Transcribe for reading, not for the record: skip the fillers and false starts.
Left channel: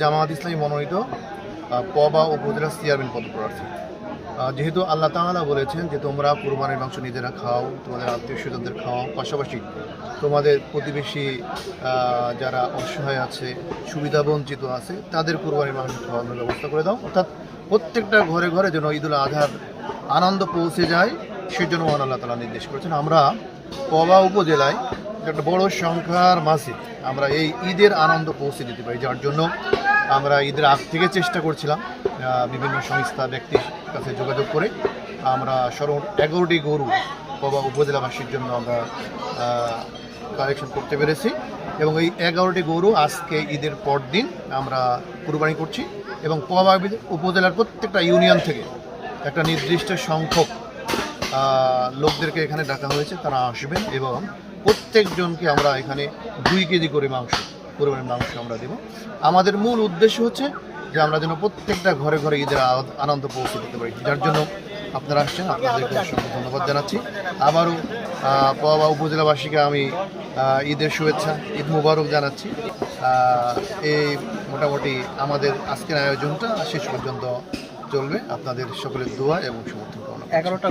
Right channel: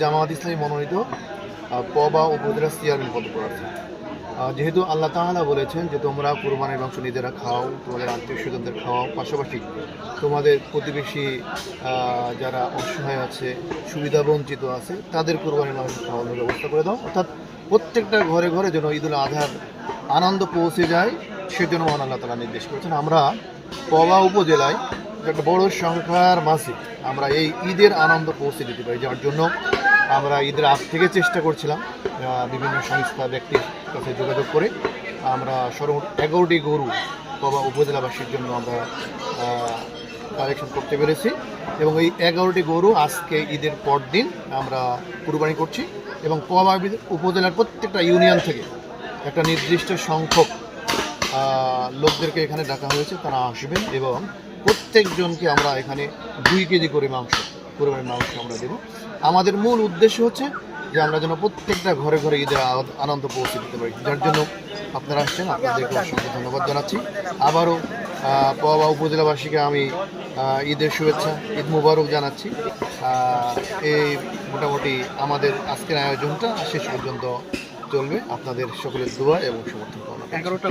জামায়াত ইসলামী মনোনীত পবা উপজেলা চেয়ারম্যান পদপ্রার্থী। যেহেতু আল্লাহ তাআলা বলেছেন যে তোমরা কুরবানির মাংস নিজেরা খাও, তোমাদের আত্মীয় স্বজনদের খাওয়াও, পাশাপাশি তোমাদের প্রতিবেশী যারা অসহায় আছে, সুবিধা বঞ্চিত আছে, তাদের কুরবানির মাংস খাওয়ানোর ব্যবস্থা করে দাও। অর্থাৎ প্রত্যেকটা ঘরে ঘরে যেন ঈদুল আজহার আনন্দ পৌঁছে যায়, সেজন্য মহান আল্লাহ তাআলা নির্দেশ করেছেন। আমরা পবা উপজেলায় একটা বড় সংখ্যার মাঝে আমরা এই ঈদের আনন্দ পৌঁছে দিতে পারি, যার জন্য আমরা ঈদের আগ থেকে চেষ্টা করছিলাম বিভিন্ন সংস্থা ব্যক্তির কাছে যোগাযোগ করে আমরা সর্বমোট 11টি গরু পবা উপজেলাবাসীর জন্য আমরা কালেকশন করতে পেরেছি এবং এই 11টি গরু আজকে ঈদের পর দিন আমরা কুরবানি করছি এবং পবা উপজেলার প্রত্যেকটা ইউনিয়ন থেকে একটা নির্দিষ্ট সংখ্যক লোকদেরকে এখানে ডাকা হয়েছে, তারা আসবেন এবং প্রত্যেকজনকে আমরা এখানে 2 কেজি করে কুরবানির মাংস আমরা দেব। আমাদের মূল উদ্দেশ্য হচ্ছে যে আমরা যেন প্রত্যেকটা ঘরে ঘরে ঈদের আনন্দ পৌঁছে দিতে পারি, যার জন্য আপনারা আসছেন, আপনাদেরকে অসংখ্য ধন্যবাদ জানাচ্ছি। আবারও পবা উপজেলাবাসীকে আমি ঈদের শুভেচ্ছা, ঈদ মুবারক জানাচ্ছি। এই মোটামুটি আমাদের আজকের আয়োজনটা শেষ পর্যন্ত চলবে, আপনাদের সকলের দোয়া এবং সমর্থন পাওয়া। 11টা